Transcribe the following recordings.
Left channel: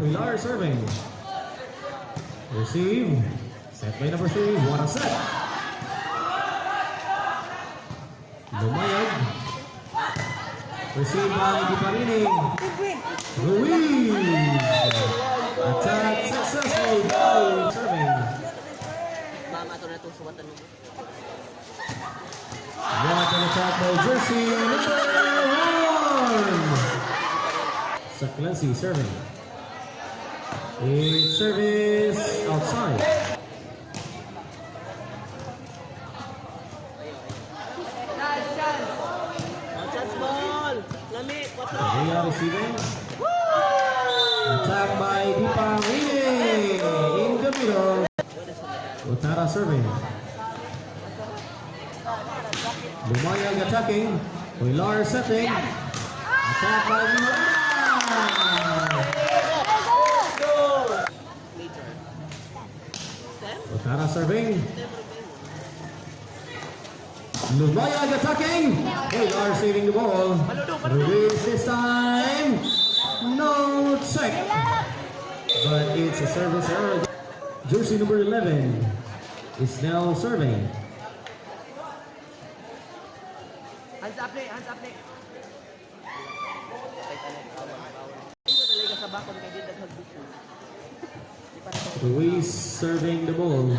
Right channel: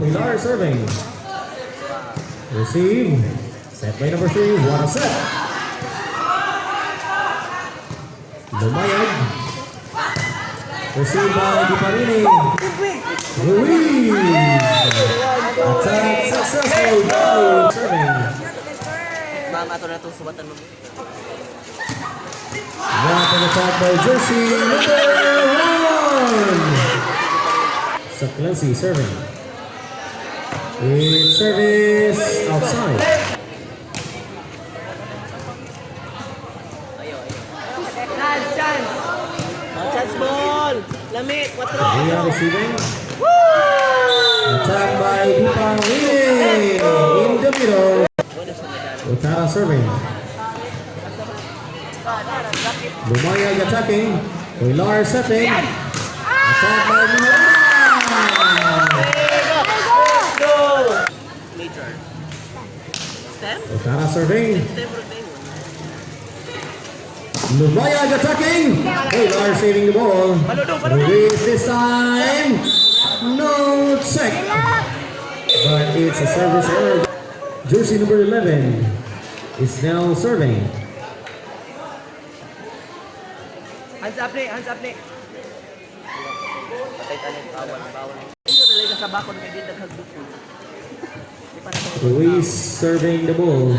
Pilar serving. Receive. Set by number 3. What a set. Lumayag. Received by Diparini. Ruiz. Attack successful by serving. Mama, ito na itong subatan mo. What an attack by jersey number 1. Saklensi serving. It's service outside. Chance ball! Lamit! 4! Ria receiving. Attack by Diparini. In the middle. Utara serving. Lumayag attacking. Pilar setting. Attack by Mihara. Major. Stem? Utara serving. Stem rotate. Lumayag attacking. Pilar saving the ball. Ruiz this time. No check. But it's a service error. Jersey number 11 is now serving. Hands up ni! Hands up ni! Ito talaga sa bakon kaya din naghagbuk ko. Ruiz serving the ball.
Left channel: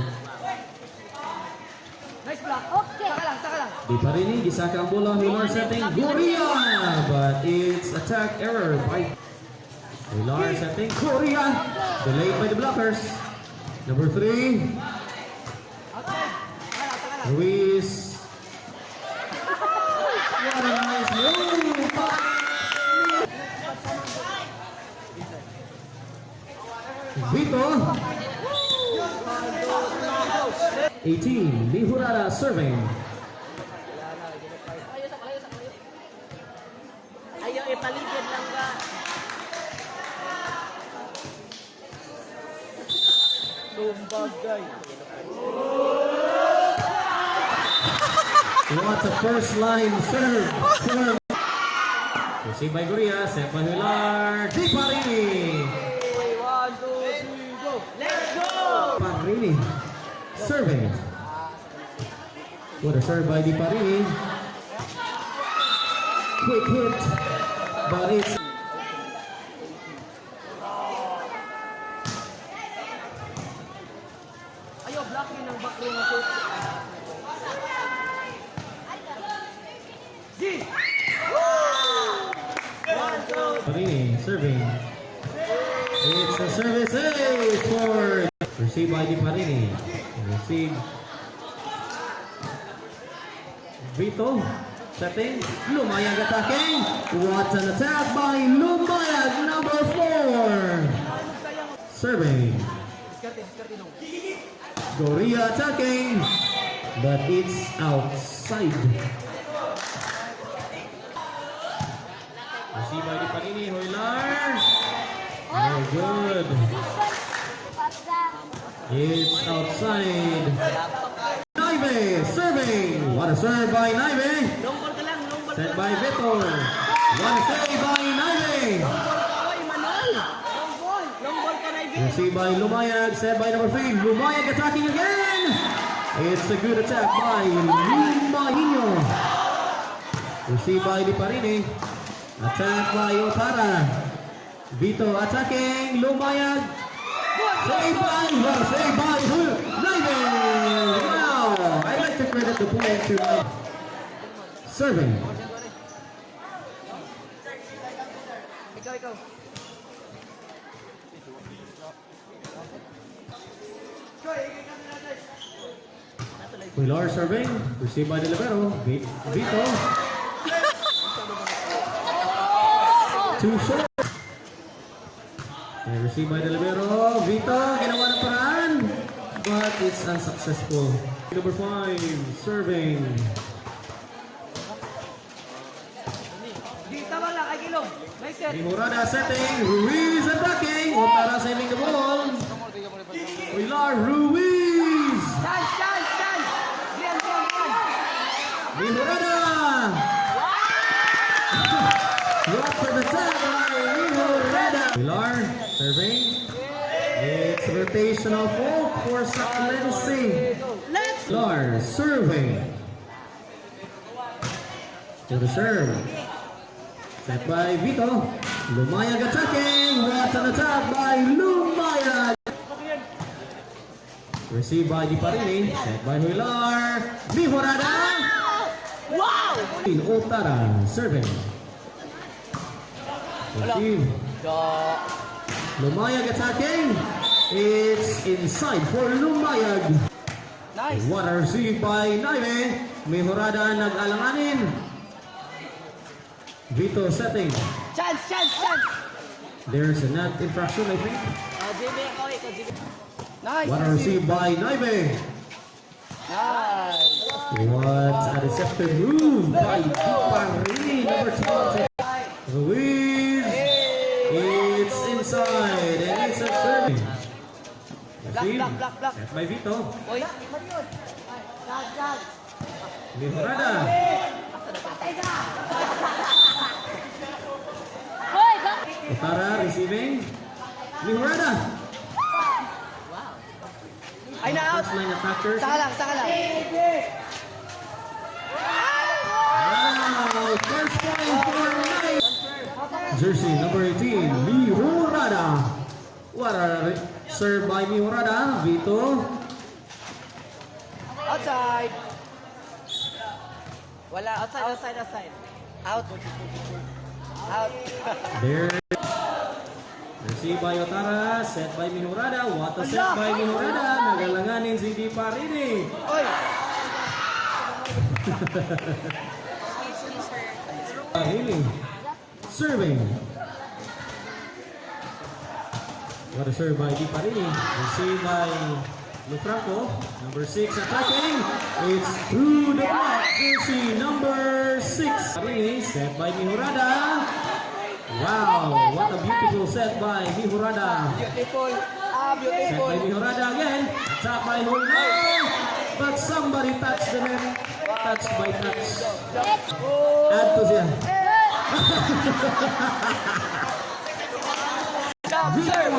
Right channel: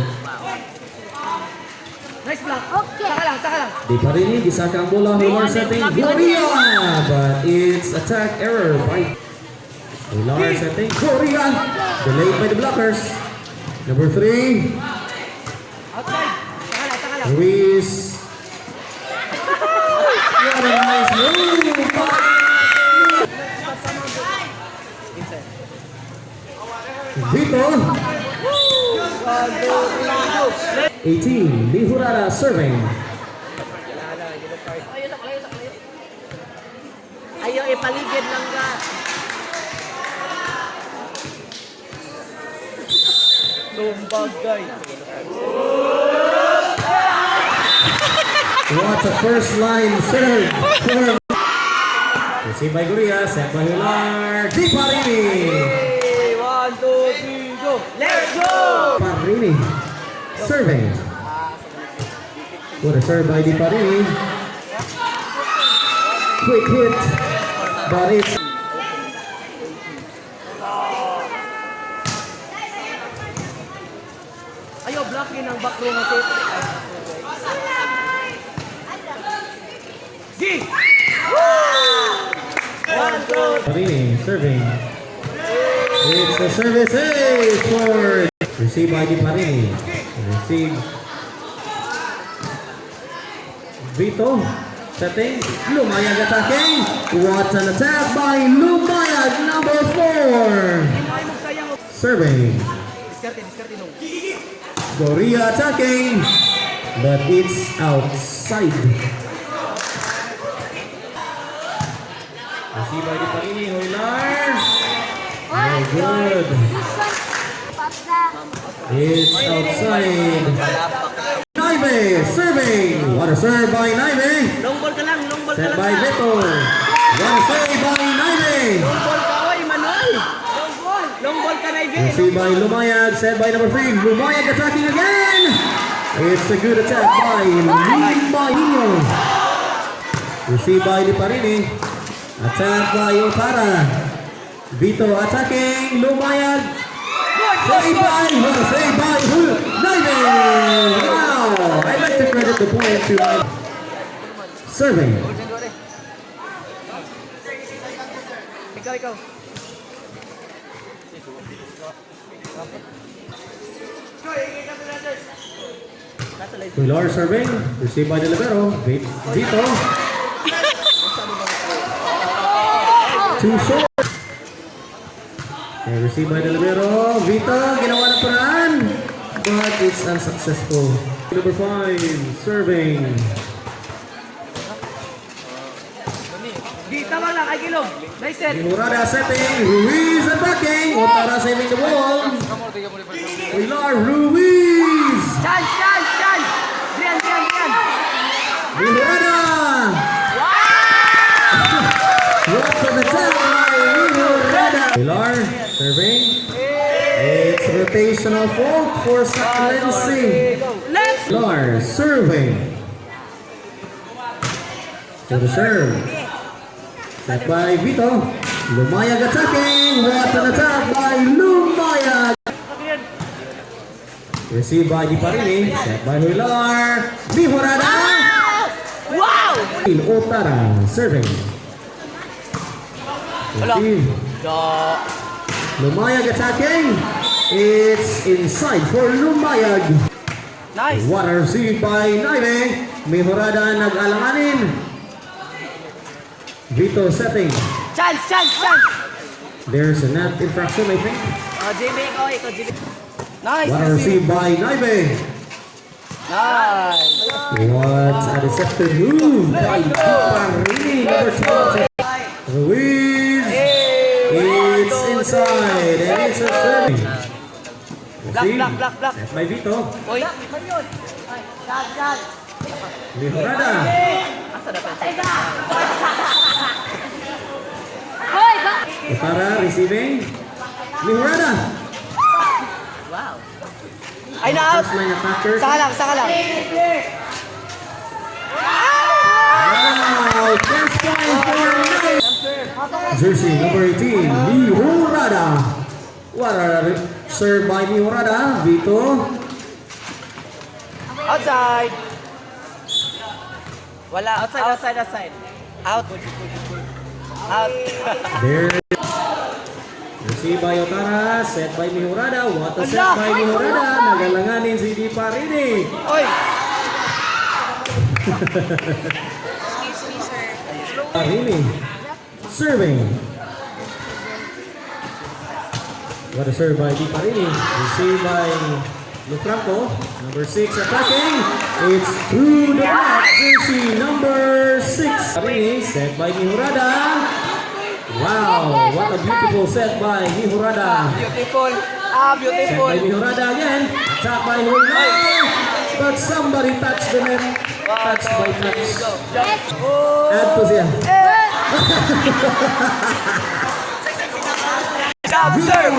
Nice block! Okay! Saka lang! Saka lang! Diparini, gisaka ang bola. Pilar setting. Korea! But it's attack error by Pilar setting. Korea! Delayed by the blockers. Number 3. Outside! Saka lang! Saka lang! Ruiz. What a nice move! Vito. 18. Mihurara serving. Ayaw ipaligid lang ka! Lumbagay! What a first line serve. Received by Guria, set by Hilar. Diparini. 1, 2, 3, go! Let's go! Parini serving. What a serve by Diparini. Quick hit, but it's Ayaw blocking ang back row na set. G! 1, 2, Parini serving. It's a service ace for received by Diparini. Received. Vito setting. Lumayag attacking. What an attack by Lumayag, number 4. Serving. diskarte no. Goria attacking, but it's outside. Received by Diparini. Hoylar. Very good. It's outside. Naive serving. What a serve by Naive. Long ball ka lang, long ball ka Set lang. by Vito. One save by Naive. Long ball ka, oy, Manuel. Long ball. Long ball ka na, Ivy. Received by Lumayag. Set by number 3. Lumayag attacking again. It's a good attack by Limbaino. Received by Diparini. Attack by Otara. Vito attacking. Lumayag. Save by, save by Naive. Wow. I'd like to credit the point to serving. Ikaw. Pilar serving. Received by the libero. Vito. Too short. Okay, received by the libero. Vito, ginawa ng paraan. But it's unsuccessful. Number 5, serving. Di, tawag lang, ay gilong. Nice set. Murada setting. Ruiz attacking. Otara saving the ball. Pilar Ruiz. Chance. Diyan. Murada. What an attack by Murada. Pilar Serving. It's rotational fault for Saklensi. Next! Lars serving. To the serve. Set by Vito. Lumayag attacking. What an attack by Lumayag. Received by Di Parini. Set by Huilar. Mihorada. Wow! Otara serving. Receive. Lumayag attacking. It's inside for Lumayag. Nice! What a receive by Naime. Mihorada nag-alanganin. Vito setting. Chance, chance, chance! There's a net infraction, I think. Jimmy, ito, Jimmy. Nice! What a receive by Naime. Nice! What a deceptive move by Di Parini, number 20. Ruiz. It's inside and it's a serving. Receive. Block. Set by Vito. Uy! Mihorada. Otara receiving. Mihorada. Ay, na-out! First line attacker. Saka lang. Wow, first point for Nine. Jersey number 18, Mihorada. What a serve by Mihorada. Vito. Outside! Wala. Outside. Out. There. Received by Otara. Set by Mihorada. What a set by Mihorada. Nagalanganin si Di Parini. Oy! Parini. Serving. What a serve by Di Parini. Received by Lufranco. Number 6 attacking. It's through the back. Jersey number 6. Parini. Set by Mihorada. Wow, what a beautiful set by Mihorada. Beautiful. Set Beautiful. by Mihorada again. Attack by Huilar. But somebody touched the net. Touched by touch. Add to siya. Serve!